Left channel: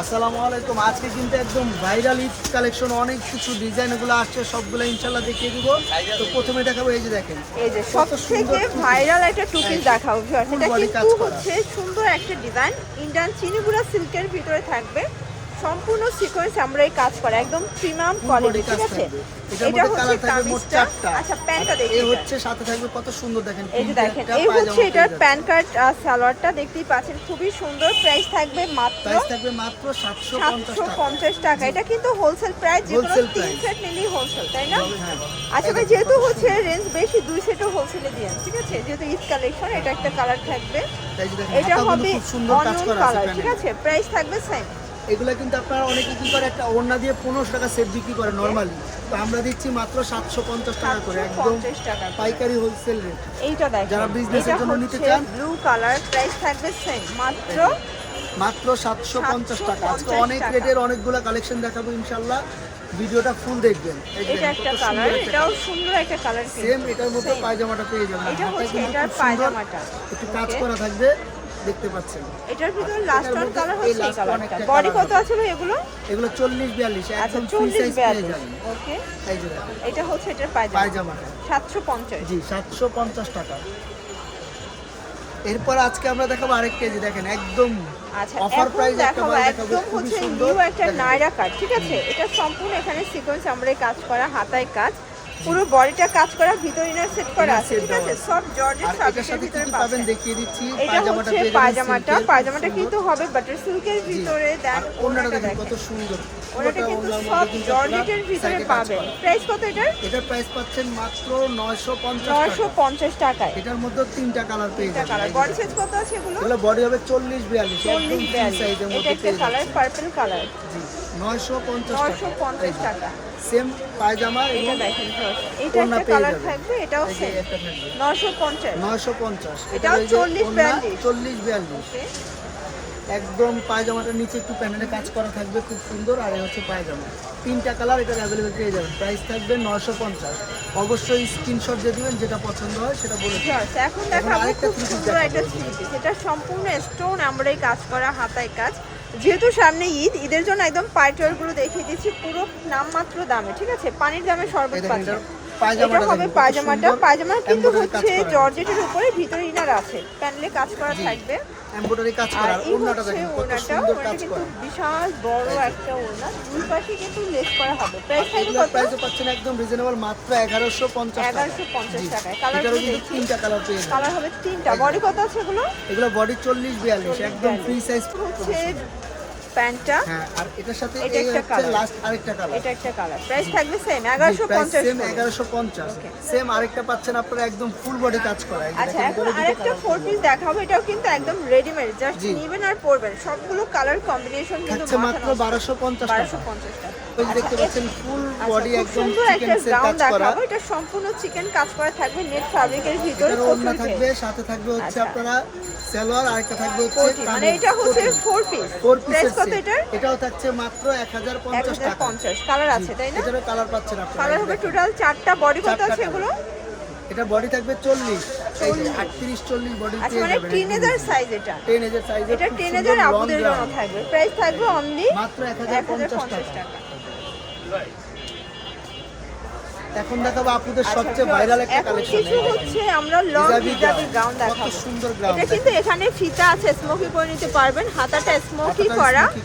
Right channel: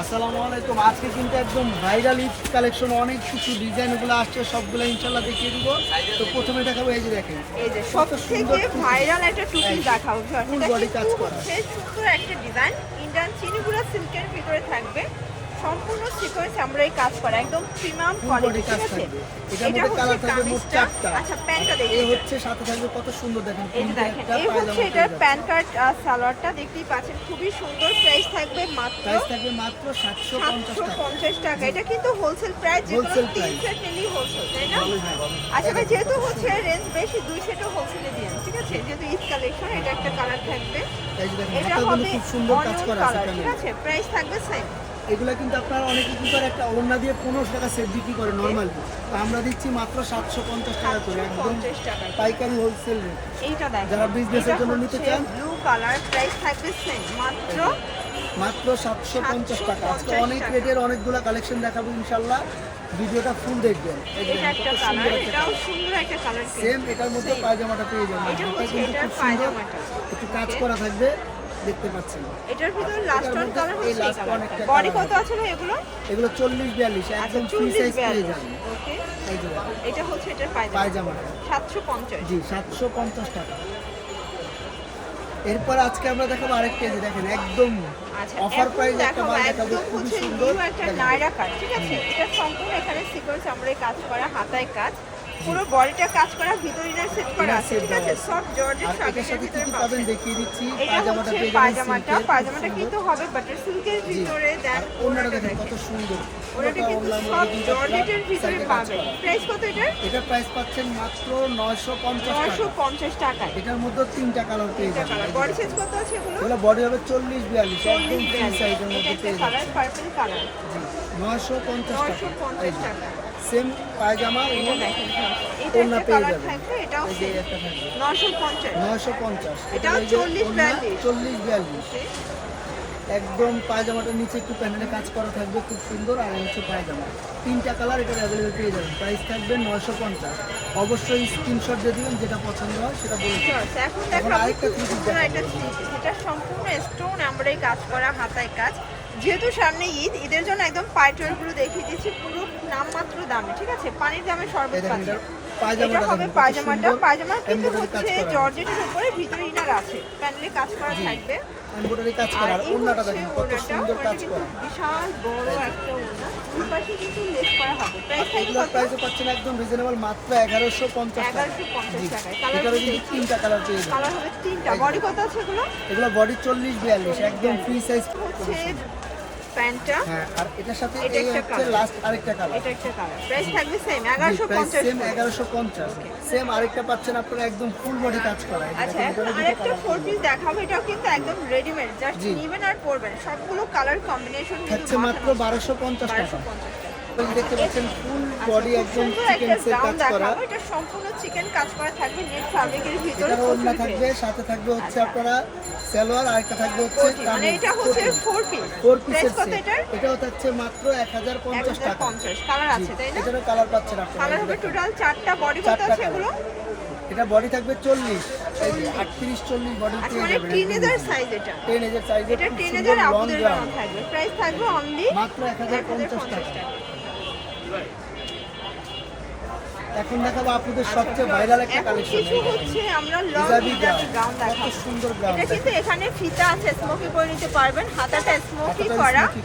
আসসালামু আলাইকুম। আজকে কিন্তু একদম ভাইরাল ঈদ কালেকশন অনেক কিছু ডিজাইনগুলো আসছে সবগুলো ইনশাল্লাহ দেখিয়ে দিব। তো প্রথমে দেখাবো এই যে দেখেন এই যে কত সুন্দর ভাইরাল একটা টুপি দেখাবো ফুল বডি কাজ করা। সুন্দর একটা ডিজাইন ইন্ডিয়ান চিনিগুড়া সিল্কের ভিতরে থাকবে। সম্পূর্ণ সিকোয়েন্স আমরা এই কাজ করা একদম প্রিমিয়াম কোয়ালিটি কাজ থাকবে। এটার মধ্যে কালার থাকবে মোট চারটা। আচ্ছা প্যান্টটা এই হচ্ছে সাথে থাকবে কত সুন্দর দেখেন দেখেন একটা এই হচ্ছে এটার প্যান কার্ড সালোয়ারটা দেখতেই পাচ্ছেন খুবই সুন্দর প্রাইস থাকবে মাত্র প্রাইস থাকবে মাত্র সাতশো পঞ্চাশ টাকা। পঞ্চাশ টাকা। এটা কিন্তু হোলসেল প্রাইস। সেট নিলেই হোলসেল তাই না? হ্যাঁ। আচ্ছা যেহেতু হচ্ছে রেঞ্জ বেশি দুই সেটও হোলসেলে দিয়ে ঠিক আছে? যেহেতু ঈদ কালেকশন এটা একটা কালার থাকবে। এটা হবে খুব সুন্দর কাজ করা আছে ঠিক আছে? প্রাইস থাকবে সেম এগুলো কিন্তু আপনারা অনেকে কি করে একটা ওড়না দিয়ে পনেরোশো টাকা সেট বিক্রি করে নর্মালি তো আমরা দিচ্ছি মাত্র সাতশো পঞ্চাশ টাকা করে একদম পাইকারি হোলসেল রেট যারা এর জন্য নিতে চান? মাত্র সাতশো পঞ্চাশ টাকা। আজকে অনেক। রেটের অনেকগুলো কালেকশন দেখাবো ইনশাল্লাহ ভিডিওটা ফুল দেখবেন। কত সুন্দর একটা কালার সেম এটার মধ্যে পায়জামাটা পেয়ে যাবেন। কিন্তু খুব সুন্দর। একটু কাজ করা থাকবে। দেখতে পাচ্ছেন। এটার ভিতরে লাস্ট ওয়ান কালার এই একটা বডি কত আছে ভাই এগুলো? এগুলো চল্লিশ বিয়াল্লিশ আচ্ছা একদম ফ্রি সাইজ পেয়ে যাবেন। ওকে এই যে এটা হচ্ছে এটার পায়জামা। পায়জামাটা 750 জি সাতশো পঞ্চাশ টাকা। এরপর আজকে আমরা দেখাবো আরেক কেজি দেখেন একদম আচ্ছা অফার এখন প্রাইস একটা মাল দেখাবো খুবই সুন্দর। একটা। নায়রা কাট ঠিক আছে? এটা সম্পূর্ণ এখানে সিকোয়েন্স আমরা কাজ করা হাতায় কাজ। পুরো বডিটা কাজ করা ভিতর ইনার সেট করা আছে। ঠিক আছে। সব জর্জেট আর এটার সাথে কি কি পাবেন দেখিয়ে দিচ্ছি। পায়জামাটা পেয়ে যাবেন পায়জামাটা। পায়জামাটা কিন্তু হবে বাটার সিল্কের ভিতরে ওনাটা দেখেন কত সুন্দর। পুরোটা কিন্তু ওনার মধ্যে কিন্তু জর্জেটের ভিতরে পাবেন। প্রাইস কত এটা এটার প্রাইস পাচ্ছেন মাত্র নয়শো পঞ্চাশ টাকা। 950 টাকায়। এটার মধ্যে তিনটা কালার পেয়ে যাবেন। বডি সাইজ কত আছে এগুলো? বডি হবে চল্লিশ বিয়াল্লিশ একদম ফ্রি সাইজের এটা মধ্যে পেয়ে কালার পার্পল কালার জি। নয়শো পঞ্চাশ টাকা। এই 950 যে টাকা। সেম পায়জামা এবং একটা পেয়ে কালার যাবেন থাকবে এটাও এই যে same। একটা থাকবে। নয়শো পঞ্চাশ। এটা এটাও ওই যে 40 ওড়না 42 চল্লিশ বিয়াল্লিশ। একদম পায়জামাটার নিচে একটু প্যানেলে কাজ করা থাকবে খুব সুন্দর। আর হচ্ছে পায়জামা। তিনটা কালার এটা অ্যাভেলেবেল পেয়ে যাবেন। প্রাইস থাকবে নয়শো পঞ্চাশ। অবশ্যই স্ক্রিনশট দিয়ে দিবেন যেটা পছন্দ হয় সেটা বলে আচ্ছা, এখন আরেকটা three piece। এটা সম্পূর্ণ স্টোন আমরাই কাজ করা হাতায় কাজ। যেহেতু সামনে ঈদ ঈদের জন্য একদম পাইটলগুলো দেখিয়ে দিচ্ছি পুরো নামমাত্র দামে ঠিক আছে? পানির দামে সর্বোচ্চ পায়জামাটা হবে দেখেন পায়জামাটা। পায়জামা কিন্তু হচ্ছে জর্জেটের উপরে ভিতরে ইনার আছে। প্যানেলে কাজ করা থাকবে। এমব্রয়ডারি কাজ করা আর ওড়নাটা হচ্ছে কত সুন্দর কাজ করা। বিশাল বড় একটা ওড়না। দুই পাশে কিন্তু লেস করা হবে। এগুলোর প্রাইসও পাচ্ছেন একদম রিজনেবল মাত্র এগারোশো পঞ্চাশ টাকা। 1150 জি। টাকায়। কালার এটারও কিন্তু তিনটা। কালার পেয়ে যাবেন। কালার হবে তিনটা। বডি কত আছে এগুলো? এগুলো বডি চল্লিশ বিয়াল্লিশ একদম ফ্রি সাইজ প্যান্টটা। হ্যাঁ আর এটার সাথে এই হচ্ছে লাস্ট আরেকটা কালার এটা একটা কালার প্রাইস থাকবে সেম এগারোশো প্রাইস পঞ্চাশ সেম এগারোশো পঞ্চাশ। সেম আরেকটা পাচ্ছেন আপনারা একদম ফুল বডি কাজ করা। আচ্ছা আরেকটা ফোর পিস দেখাবো এটাও কিন্তু একদম রেডিমেড জাস্ট জি। আর পরবেন। সবগুলো কালার কম্বিনেশন কিন্তু মাত্র বারোশো পঞ্চাশ বারোশো টাকা পঞ্চাশ টাকা। ওই দেখতে পাচ্ছেন ফুল আচ্ছা, বডি একদম চিকেন কাজ করা। এটা সম্পূর্ণ চিকেন কাজ করা থাকবে নেট ফ্যাব্রিকের ভিতরে ওড়না থাকবে সাথে থাকবে হচ্ছে আচ্ছা। আপনারা সালোয়ার আর একটা থাকবে হচ্ছে মানে এটা হচ্ছে ফোর পিস ফোর পিসের কত সেট এটাও থাকছে মাত্র এক হাজার পঞ্চাশ টাকা। পঞ্চাশ কালার জি, আছে তাই না? এটারও কালার পাচ্ছেন আপনারা কালার হবে। টোটাল বডি কত আছে এগুলো? এটা বডি থাকবে চল্লিশ এই যে আটত্রিশ চল্লিশ বডি পেয়ে যাবেন টিনেজার সাইজ এটা। এটা লং থাকবে। প্রাইস থাকবে অনলি মাত্র এক হাজার পঞ্চাশ টাকা। late. এখন দেখাবো আপুদের সবচেয়ে ভাইরাল একটা কালেকশন হচ্ছে আমরা লং হিজাবি গাউন কত সুন্দর গ্রাউন্ড এটা কিন্তু এখানে ফিতা আছে স্মোকি করে নিতে পারবেন। হাতাটা স্মোকি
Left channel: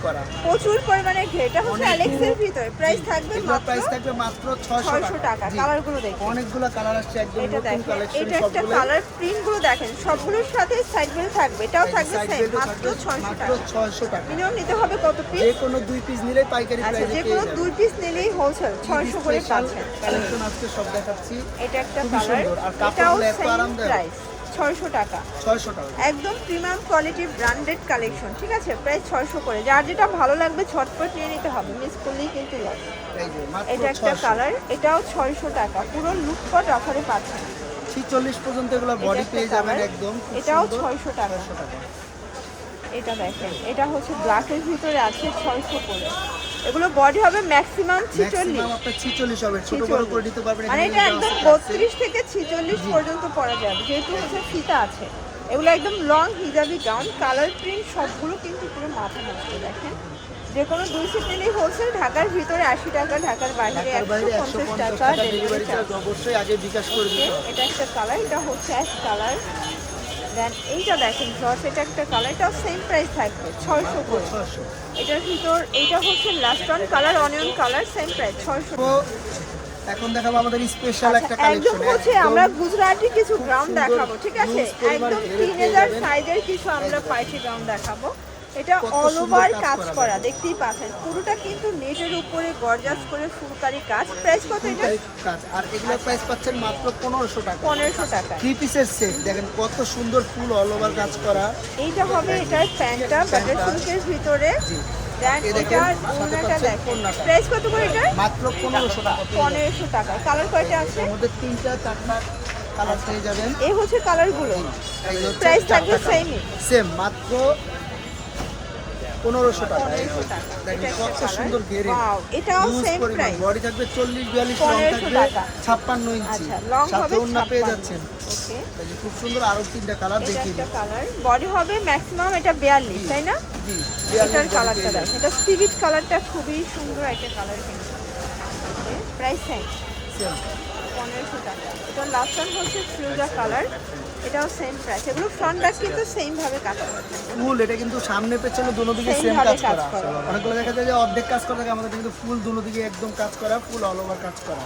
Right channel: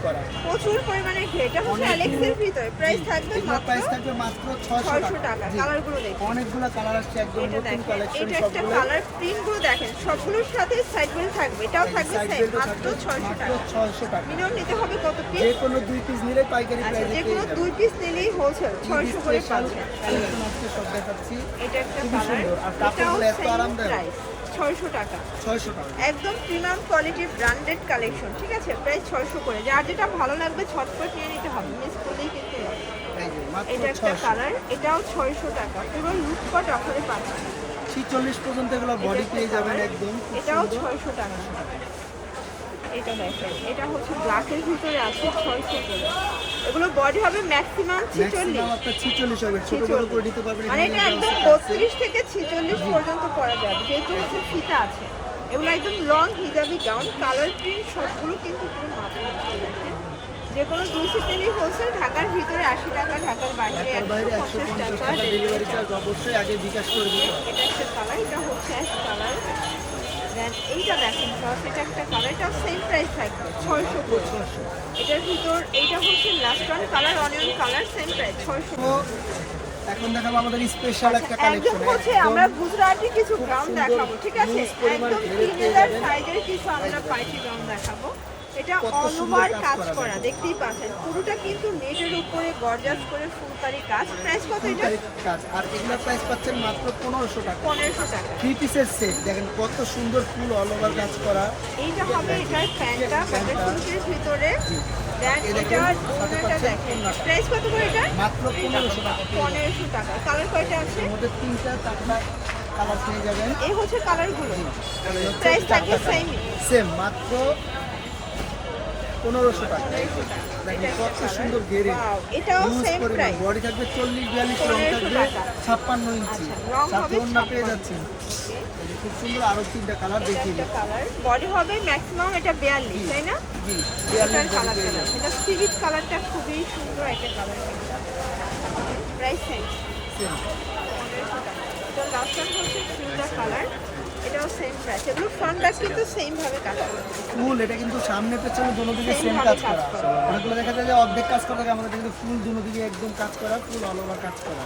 করা। প্রচুর পরিমাণে এটা হচ্ছে অ্যালেক্সের ভিতরে। প্রাইস থাকবে এগুলোর প্রাইস থাকবে মাত্র ছয়শো 600 টাকা। কালারগুলো দেখুন অনেকগুলো কালার আসছে একদম নতুন কালেকশন সবগুলো কালার প্রিন্টগুলো দেখেন। সবগুলোর সাথে সাইড থাকবে। এটাও থাকবে সেম মাত্র 600 টাকা। মিনিমাম নিতে হবে কত পিস যে কোনো দুই পিস নিলে পাইকারি আচ্ছা প্রাইসে যে কোনো দুই পিস নিলেই হোলসেল 600 করে পাচ্ছেন কালেকশন আজকে সব দেখাচ্ছি। খুবই সুন্দর। আর কাপড়গুলো এত আরামদায়ক। ছয়শো টাকা। ছয়শো টাকা। একদম প্রিমিয়াম কোয়ালিটির ব্র্যান্ডেড কালেকশন ঠিক আছে? প্রায় ছয়শো করে। যার যেটা ভালো লাগবে ছটপট নিয়ে নিতে হবে। মিস করলেই কিন্তু হবে। এই যে মাত্র এটা একটা কালার এটাও ছয়শো টাকা। পুরো লুটকট অফারে পাচ্ছেন ছিচল্লিশ পর্যন্ত এগুলো বডি পেয়ে যাবেন একদম। এটাও সুন্দর। 600 টাকা। ছয়শো টাকা। এটা দেখেন এটা হচ্ছে ব্ল্যাকের ভিতরে আছে ছয়শো করে। এগুলো বডি হবে ম্যাক্সিমাম ছিচল্লিশ। ম্যাক্সিমাম আপনার ছিচল্লিশ হবে ছোট বড় করে দিতে পারবেন মানে এটা একদম আছে, আছে। বত্রিশ থেকে ছিচল্লিশ জি। পর্যন্ত পরা যাবে যেহেতু হচ্ছে ফিতা আছে। এগুলো একদম লং হিজাবি গাউন কালার প্রিন্ট সবগুলো কিন্তু পুরো মাথা নষ্ট দেখেন। যে কোনো দুই সেট হোলসেল ঢাকার ভিতরে আশি টাকা ঢাকার বাইরে ঢাকার বাইরে একশো পঞ্চাশ টাকা ডেলিভারি চার্জ অবশ্যই আগে বিকাশ করে দিতে এটা একটা কালার এটা হচ্ছে অ্যাশ কালার দেন এইটা দেখেন এটা একটা কালার এটাও সেম প্রাইস থাকবে ছয়শো এটার ভিতর এইটা হচ্ছে last one colour onion colour same price ছয়শো। এখন দেখাবো আমাদের স্পেশাল একটা কালেকশন আমরা গুজরাটি কিছু গ্রাম দেখাবো ঠিক আছে? একদম কিছু আমরা পার্টি গ্রাম দেখাবো। এটা অল ওভার কাজ করা দেখতেই পাচ্ছেন। পুরোটা কিন্তু নেটের উপরে গর্জাস করে ফুলকারি কাজ। প্রাইস কত এটা? কাজ। আর এগুলোর প্রাইস পাচ্ছেন মাত্র পনেরোশো টাকা। পনেরোশো টাকা। থ্রি পিসের সেট দেখেন কত সুন্দর ফুল অল ওভার কাজ করা। এইটা হবে এটার প্যান্টটা বাটার সিল্কের ভিতরে। এটা। প্রাইস কত করে এটা? মাত্র পনেরোশো টাকা পেয়ে যাবেন। পনেরোশো টাকা। কালার কয়টা আছে? মধ্যে তিনটা চারটা কালার পেয়ে যাবেন। এই হচ্ছে কালারগুলো প্রাইস থাকবে চারটা সেম মাত্র পনেরোশো টাকা। এই দেখেন কত সুন্দর গেরে ইউজ পরিমাণ। বডি থাকবে চল্লিশ বিয়াল্লিশ রং থাকবে ছাপ্পান্ন ইঞ্চি। আচ্ছা, সাথে হবে পেয়ে যাচ্ছেন। খুব সুন্দর আরও তিনটা কালার দেখিয়ে একটা বডি হবে ম্যাক্সিমাম এটা 42 তাই না? বিয়াল্লিশ কালারটা এটা স্পিরিট কালারটা খুবই সুন্দর একটা colour price same last one হচ্ছে ফিউজা কালার। এটাও সেম প্রাইস এগুলো ফ্রন্ট ব্যাক কিন্তু সেম ভাবে কাজ ফুল এটা কিন্তু সামনে পেছনে দুনো দিকে সেম কাজ করা। অনেকগুলো দেখা যায় যে অর্ধেক কাজ করা থাকে আমাদের কিন্তু ফুল দুনো দিকে একদম কাজ করা ফুল অল ওভার কাজ করা।